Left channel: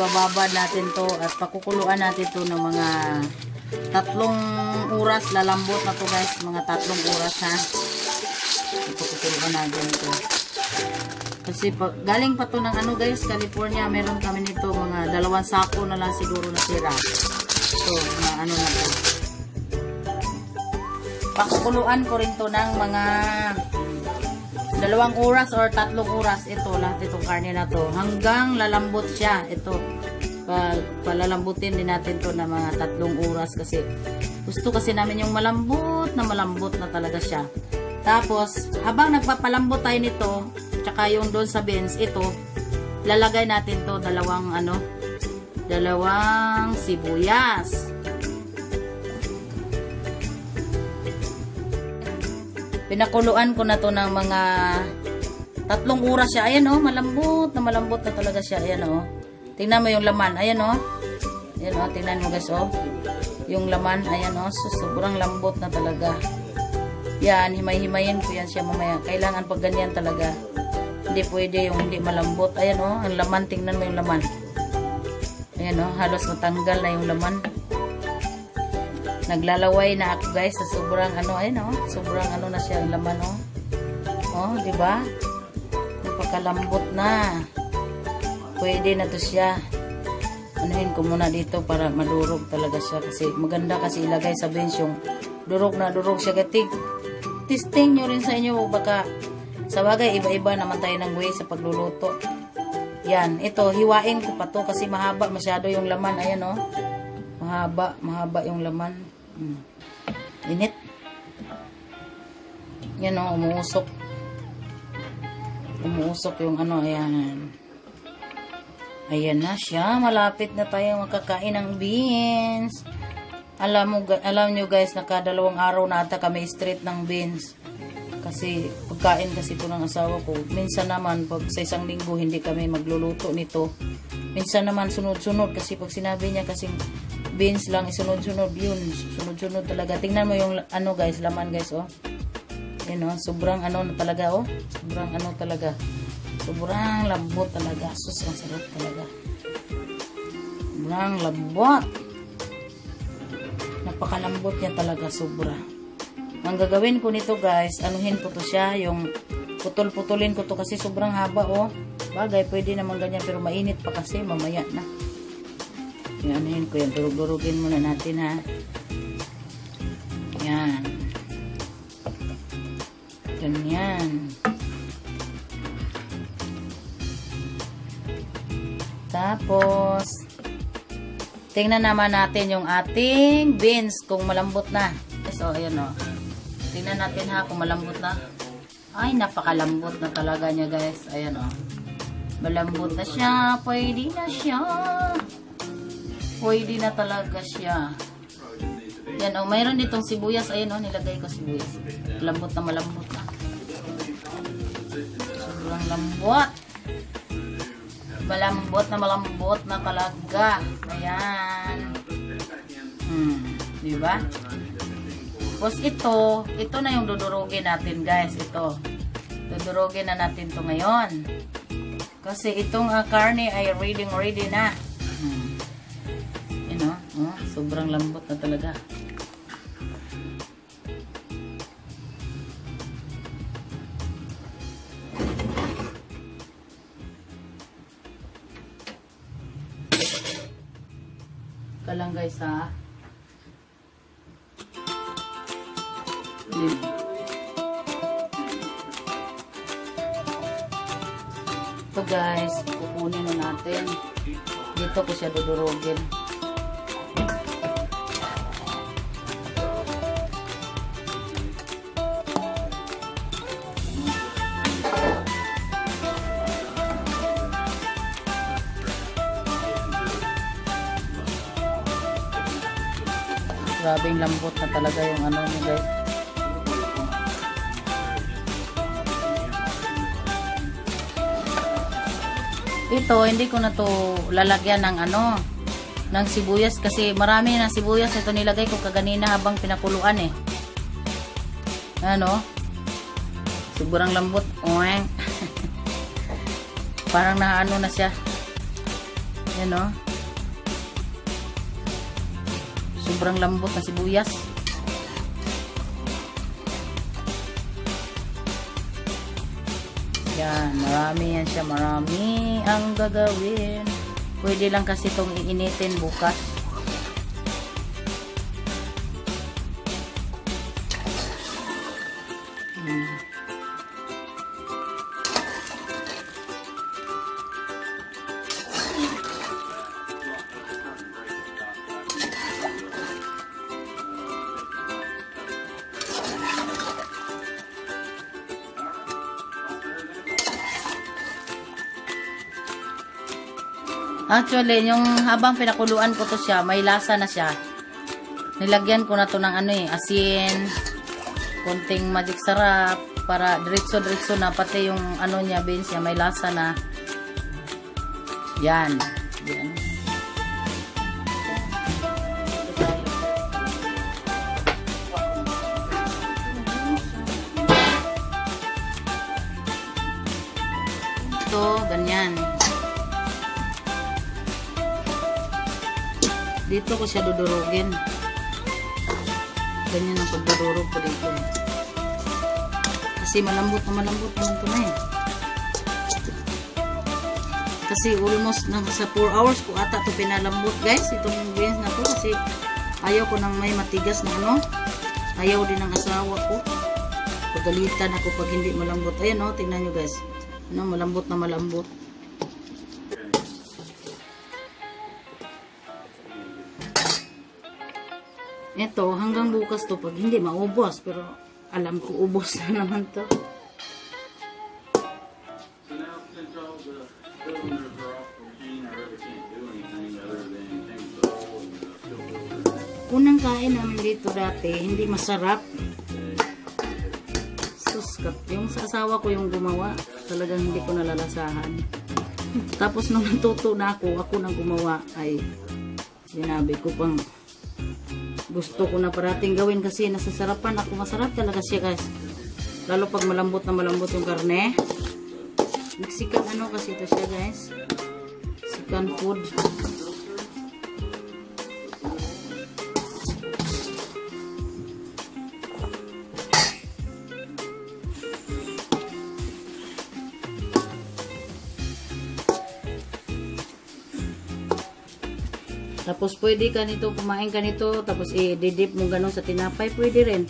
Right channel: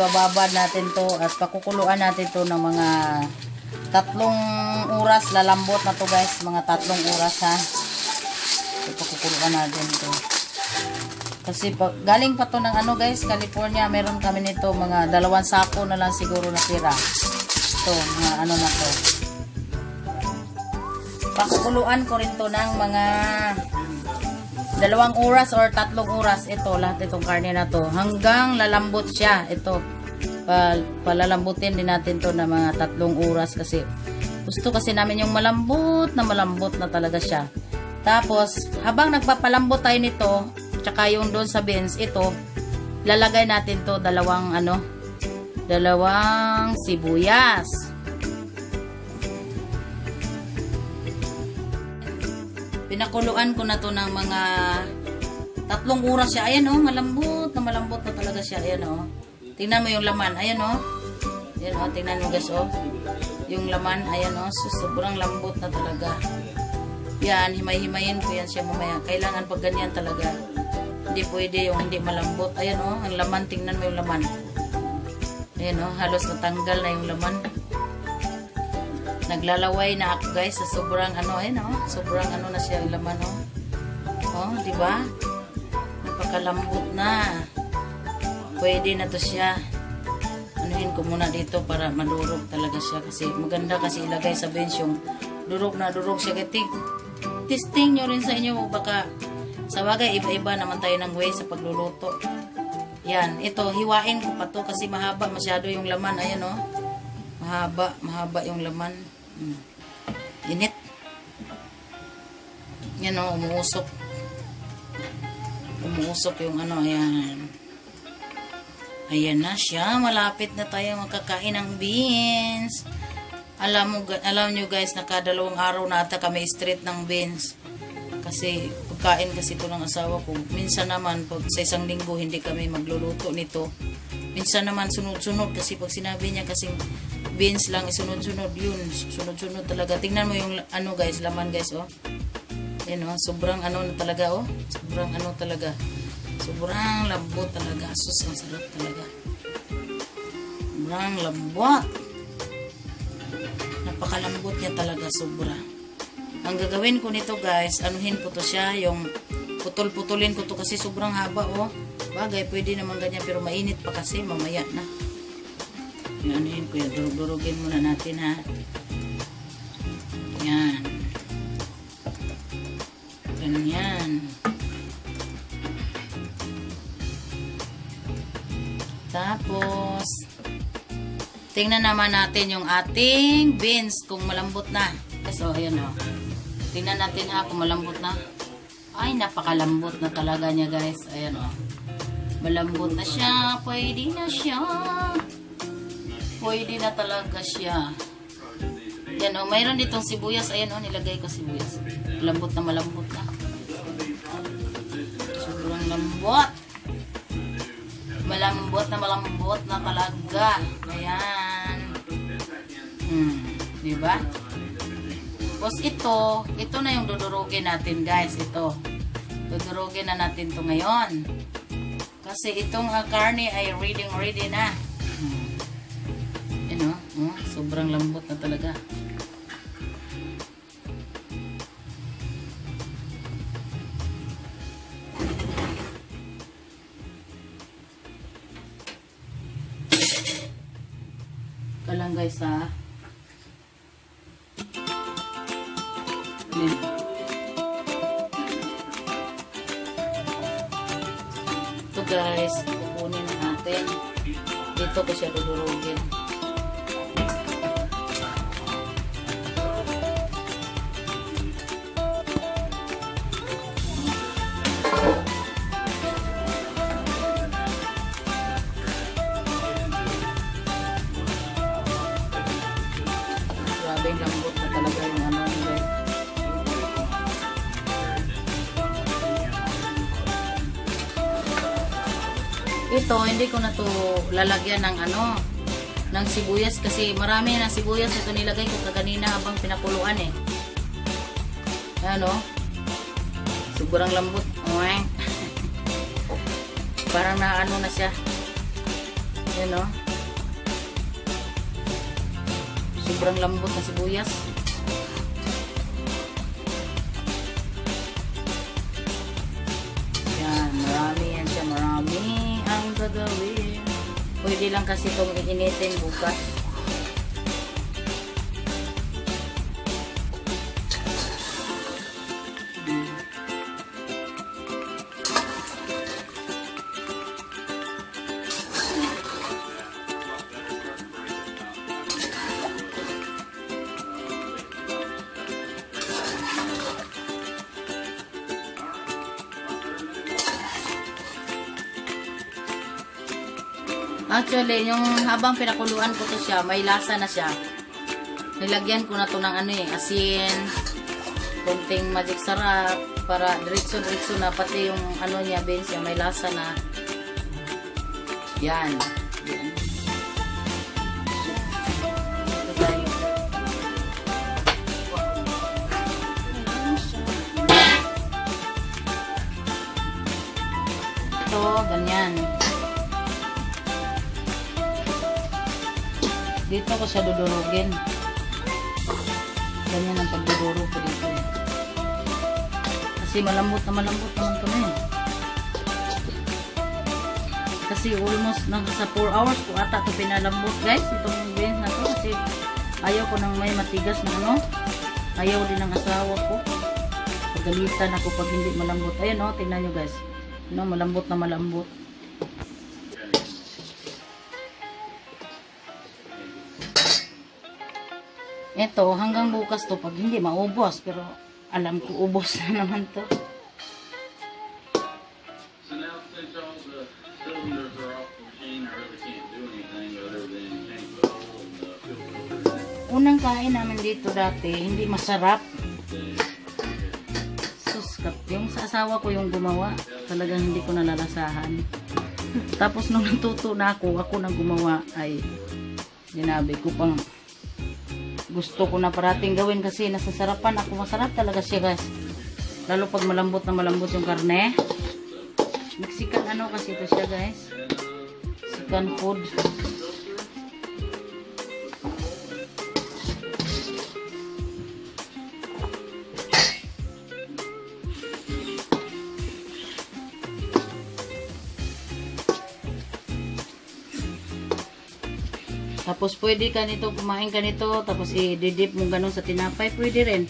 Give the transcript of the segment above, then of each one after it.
ibababad natin to at pakukuluan natin to ng mga 3 oras. Lalambot na to guys, mga 3 oras ha. Pakukuluan natin to. Kasi galing pa to ng ano guys, California. Meron kami nito mga 2 sako na lang siguro natira. Ito, mga ano na to. Pakukuluan ko rin to ng mga 2 oras or 3 oras. Ito, lahat itong karne na to. Hanggang lalambot siya. Ito, palalambutin din natin to ng mga 3 oras. Kasi gusto kasi namin yung malambot na talaga siya. Tapos, habang nagpapalambot tayo nito, tsaka yung doon sa beans, ito, lalagay natin to 2 sibuyas. Pinakuluan ko na to ng mga 3 oras siya. Ayan o, malambot na talaga siya. Ayan o. Tingnan mo yung laman. Ayan o. Ayan o, tingnan mo guys o. Yung laman, ayan o. Sobrang lambot na talaga. Yan, himay-himayin ko yan siya mamaya. Kailangan pag ganyan talaga. Hindi pwede yung hindi malambot. Ayan o, ang laman, tingnan mo yung laman. Ayan o, halos matanggal na yung laman. Naglalaway na ako guys sa sobrang ano, ayan o. Sobrang ano na siya yung laman o. O, diba? Napakalambot na. Pwede na to siya. Anuhin ko muna dito para madurog talaga siya. Kasi maganda kasi ilagay sa bench yung durog na durog siya. Testing nyo rin sa inyo. Baka sa bagay, iba-iba naman tayo ng way sa pagluluto. Yan. Ito, hiwain ko pa to kasi mahaba masyado yung laman. Ayan o. Mahaba yung laman. Init. Yan o, umuusok. Umuusok yung ano, ayan. Ayan na siya. Malapit na tayo makakain ng beans. Alam nyo guys, nakadalawang araw na ata kami straight ng beans. Kasi pagkain kasi ito ng asawa ko. Minsan naman, pag sa isang linggo, hindi kami magluluto nito. Minsan naman, sunod-sunod. Kasi pag sinabi niya kasing beans lang, isunod-sunod yun. Sunod-sunod talaga. Tingnan mo yung ano guys, laman guys, oh. Yan, oh. Sobrang ano na talaga, oh. Sobrang ano talaga. Sobrang lambot talaga. Sus, ang sarap talaga. Sobrang lambot. Napakalambot niya talaga, sobra. Ang gagawin ko nito guys, anuhin ko to siya, yung putol-putulin ko to kasi sobrang haba oh. Bagay, pwede naman ganyan pero mainit pa kasi, mamaya na. Yung anuhin ko yan, durug-durugin muna natin ha. Yan. Ganyan. Tapos, tingnan naman natin yung ating beans kung malambot na. So, ayun o. Tingnan natin ha kung malambot na. Ay, napakalambot na talaga niya guys. Ayun o. Malambot na siya. Pwede na siya. Pwede na talaga siya. Yan o. Mayroon ditong sibuyas. Ayun o. Nilagay ko sibuyas. Malambot na malambot na. Sobrang lambot. Malambot na talaga. Ayan. Diba? Tapos ito na yung dudurugin natin guys. Ito. Dudurugin na natin to ngayon. Kasi itong karne ay ready na. You know, sobrang lambot na talaga. Lang guys ha. Ito guys, kukunin na natin. Dito ko siya dudurugin. Grabe yung lambot na talaga yung ano guys. Ito, hindi ko na to lalagyan ng ano, ng sibuyas kasi marami na sibuyas. Ito nilagay ko kaganina habang pinakuluan eh. Ano? Sobrang lambot. Parang na ano na siya. Yan o. Sobrang lambot na sibuyas. Yan, marami yan siya. Marami ang gagawin. Pwede lang kasi itong iinitin bukas. Actually, yung habang pinakuluan ko to siya, may lasa na siya. Nilagyan ko na to ng ano asin, konting magic sarap, para diretso-diretso na pati yung ano niya, beans niya, may lasa na. Yan. Yan. Ito, ganyan. Dito ko siya dudurugin. Ganyan ang pagdudurog ko dito. Kasi malambot naman ito na yun. Kasi almost nasa 4 hours ko ata ito pinalambot guys. Itong beans na to. Kasi ayaw ko nang may matigas na ano. Ayaw din ng asawa ko. Pagalitan ako pag hindi malambot. Ayan o, tingnan nyo guys. Ano, malambot na malambot. Ito, hanggang bukas to pag hindi maubos. Pero alam ko ubos na naman to. Unang kain namin dito dati, hindi masarap. Suskat. Yung sa asawa ko yung gumawa, talagang hindi ko nalalasahan. Tapos nung natuto na ako nang gumawa, ay ginabi ko pang gusto ko na parating gawin kasi nasasarapan ako. Masarap talaga siya guys. Lalo pag malambot na malambot yung karne. Mexican ano kasi ito siya guys. Mexican food. Tapos pwede ka nito, kumain ka nito, tapos i-dip mo ganun sa tinapay, pwede rin.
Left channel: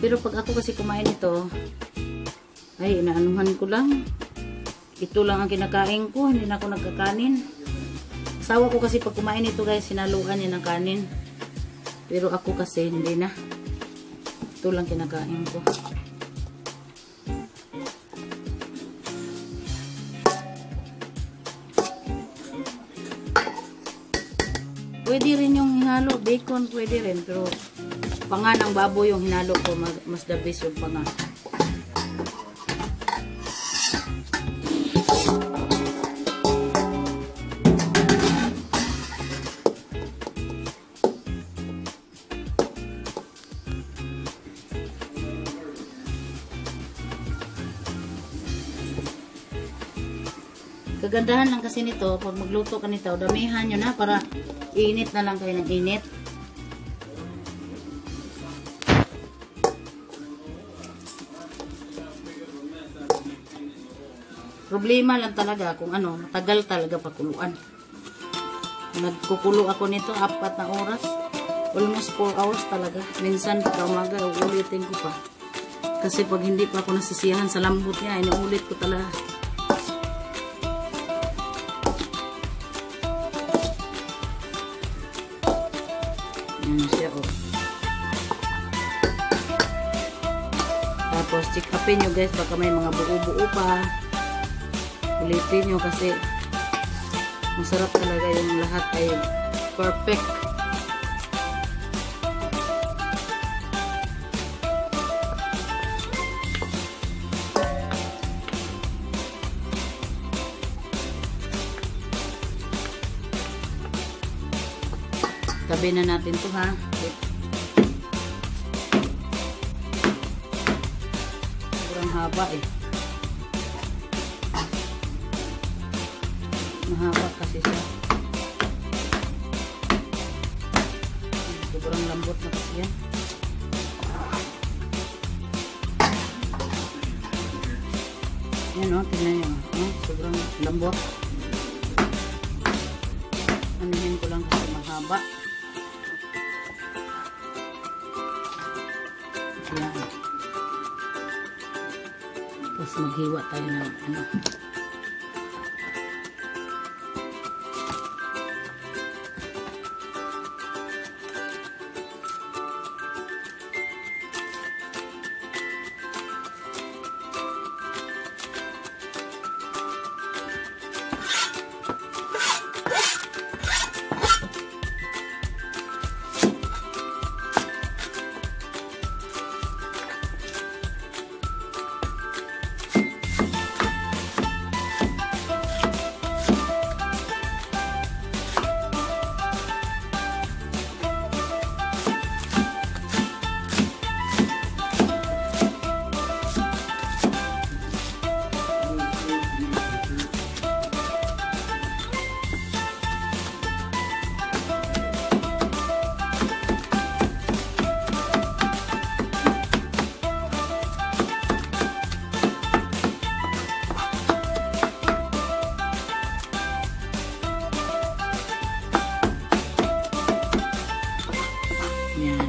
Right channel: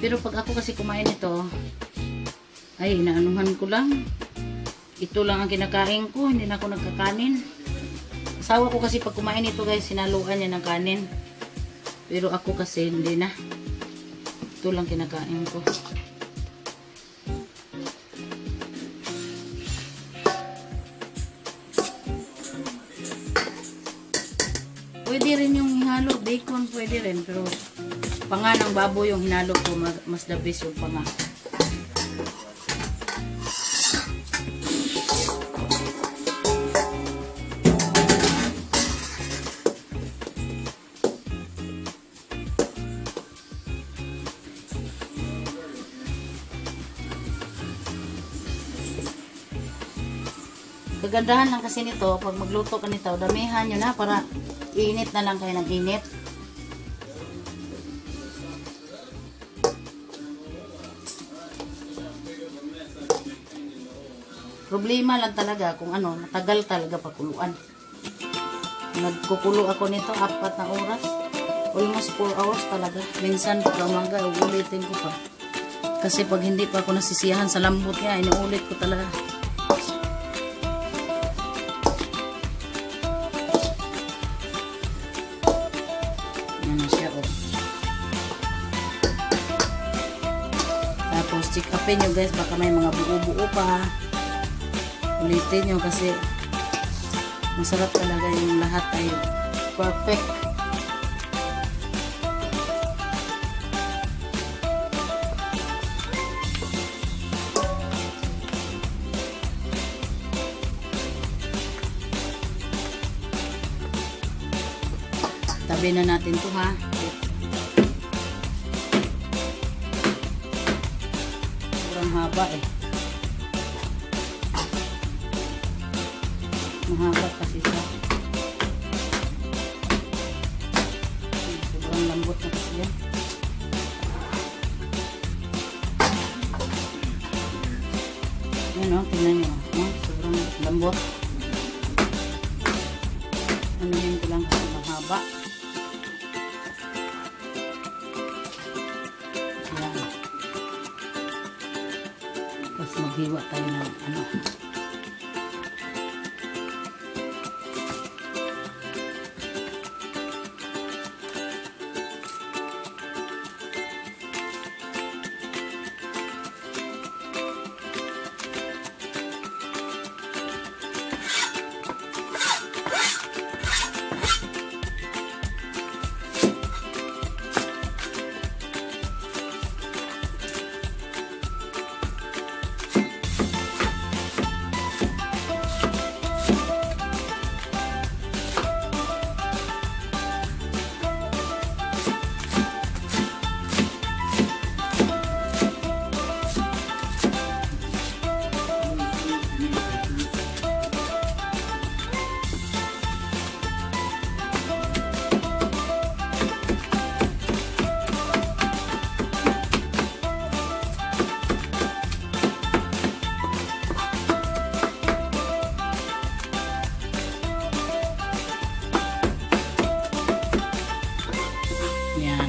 Pero pag ako kasi kumain nito, ay inaanuhan ko lang. Ito lang ang kinakain ko, hindi na ako nagkakanin. Asawa ko kasi pag kumain nito guys, sinaluan niya ng kanin. Pero ako kasi hindi na. Ito lang kinakain ko. Pwede rin yung hinalo, bacon pwede rin, pero panga ng baboy yung hinalo ko, mas the best yung panga. Kagandahan lang kasi nito, pag magluto ka nito, damihan nyo na para init na lang kayo ng init. Problema lang talaga kung ano, matagal talaga pakuluan. Nagkukulo ako nito 4 na oras. Almost 4 hours talaga. Minsan pag umaga, ulitin ko pa. Kasi pag hindi pa ako nasisiyahan sa lambot niya, inuulit ko talaga. Tapos check upin nyo guys, baka may mga buo-buo pa. Ulitin nyo kasi masarap talaga yung lahat ay perfect. Tabi na natin to ha. Mahaba eh. Mahaba kasi siya. Ayan o, tingnan nyo. Sobrang lambot. Anuhin ko lang kasi mahaba. Ayan. Tapos maghiwa tayo ng ano.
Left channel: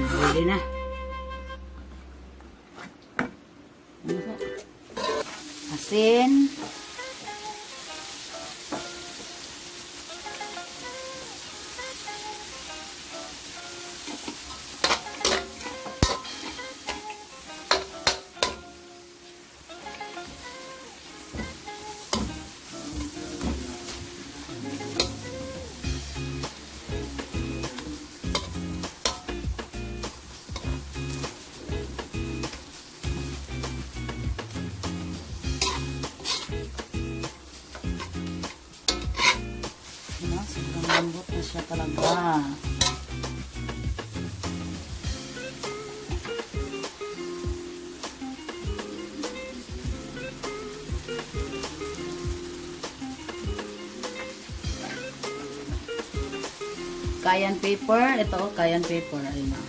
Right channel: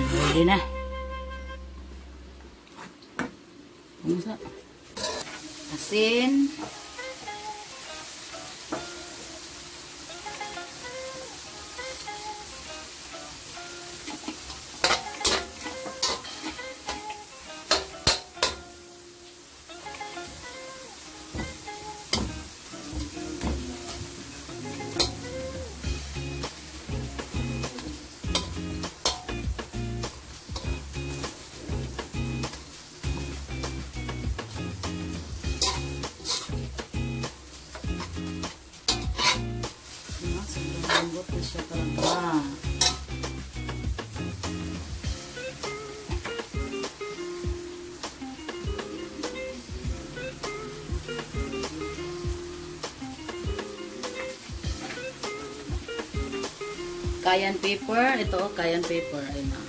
Ready na. Asin. Lambot na siya talaga. Cayenne pepper. Ito, cayenne pepper. Ayun na.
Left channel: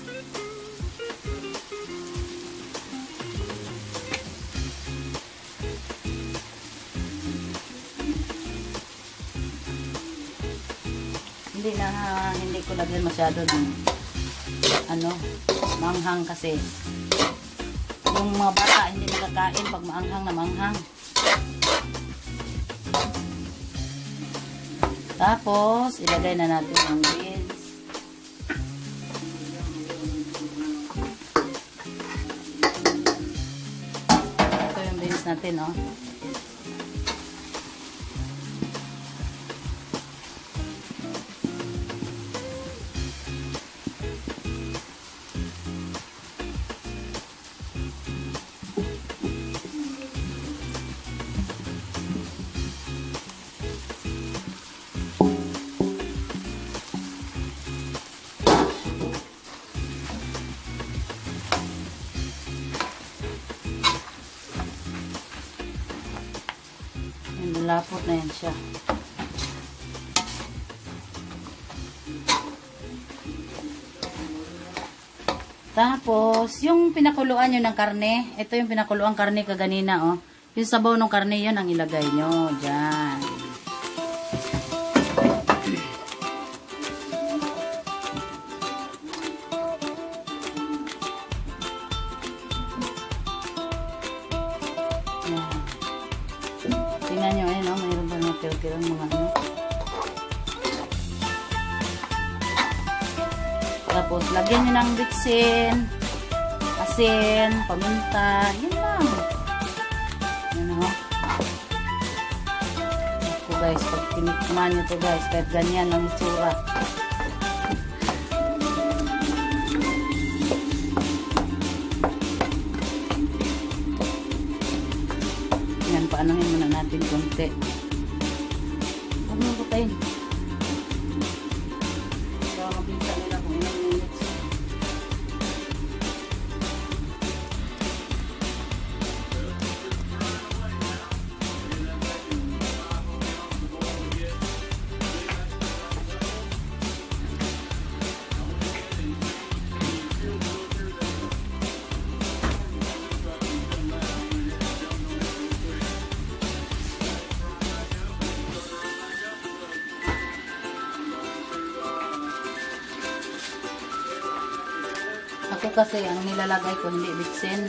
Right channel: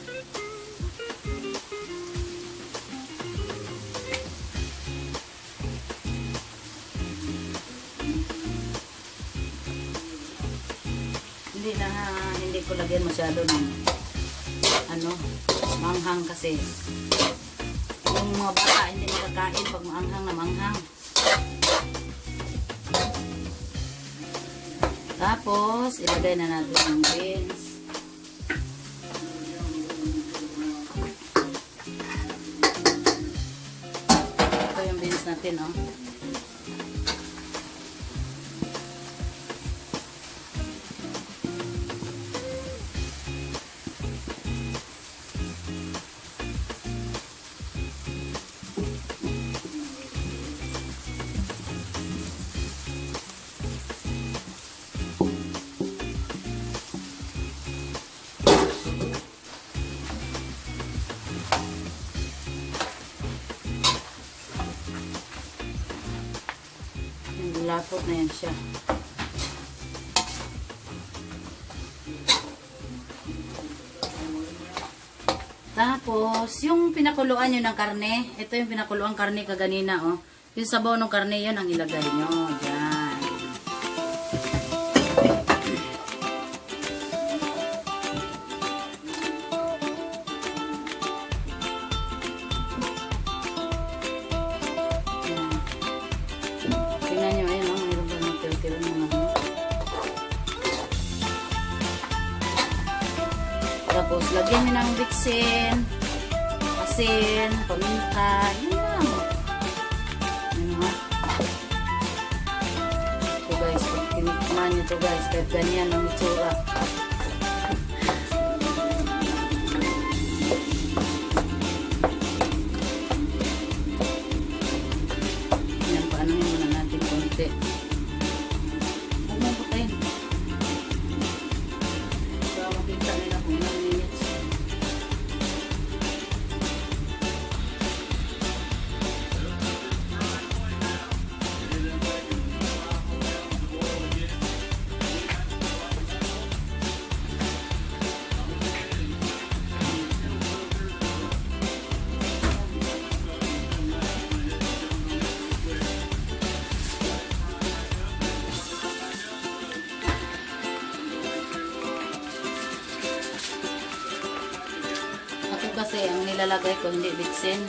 Hindi ko lagyan masyado ng ano, manghang kasi yung mga bata hindi nakakain pag maanghang na manghang. Tapos ilagay na natin yung beans. Ito yung beans natin, oh. Lapot na yan siya. Tapos, yung pinakuluan nyo ng karne, ito yung pinakuluan karne kaganina, oh. Yung sabaw ng karne, yun ang ilagay nyo. Diyan. Tingnan nyo, ayun, oh, mayroon ba ng tiro-tiro mga ano. Tapos, lagyan nyo ng bitsin, asin, paminta, yun lang. Yun, oh. Ito guys, pag tinikman nyo ito guys, kahit ganyan ang itsura. Yan, paanohin muna natin konti. Ano ba tayo? So, makita nila kung ilang minutes. Ito kasi ang nilalagay ko, hindi bitsin.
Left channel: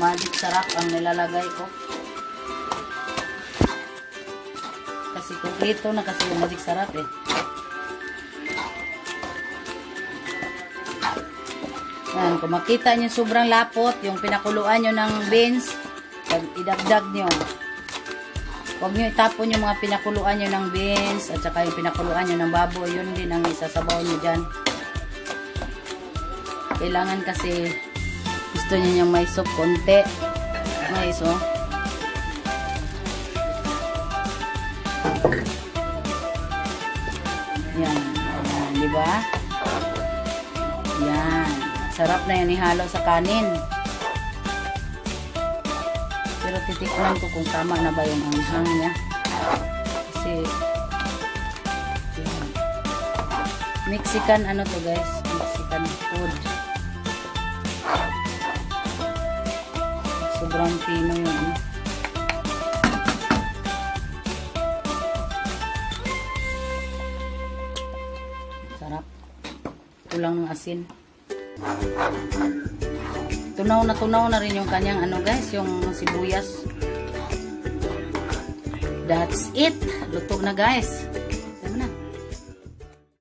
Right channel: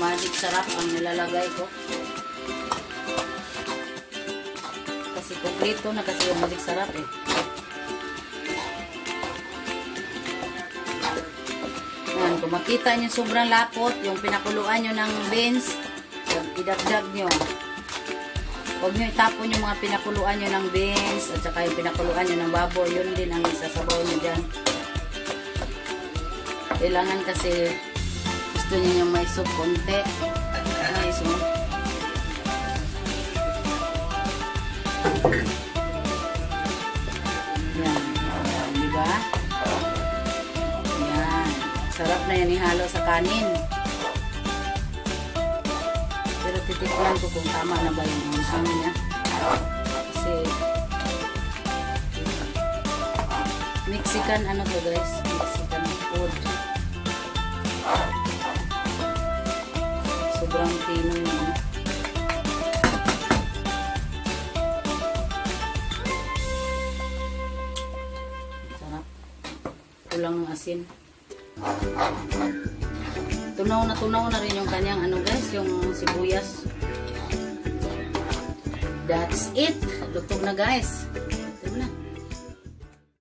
Magic sarap ang nilalagay ko. Kasi kompleto na kasi yung magic sarap eh. Yan, kung makita nyo sobrang lapot, yung pinakuluan nyo ng beans, idagdag nyo. Huwag nyo itapon yung mga pinakuluan nyo ng beans at saka yung pinakuluan nyo ng baboy. Yun din ang isasabaw nyo dyan. Kailangan kasi gusto nyo yung may soup konti. Guys, oh. Yan. Yan, diba? Yan. Sarap na yan ihalo sa kanin. Pero titikman ko kung tama na ba yung hanghang niya. Kasi Mexican ano to guys. Mexican food. Sobrang pino yun. Sarap. Kulang ng asin. Tunaw na rin yung kanyang ano guys, yung sibuyas. That's it. Luto na guys.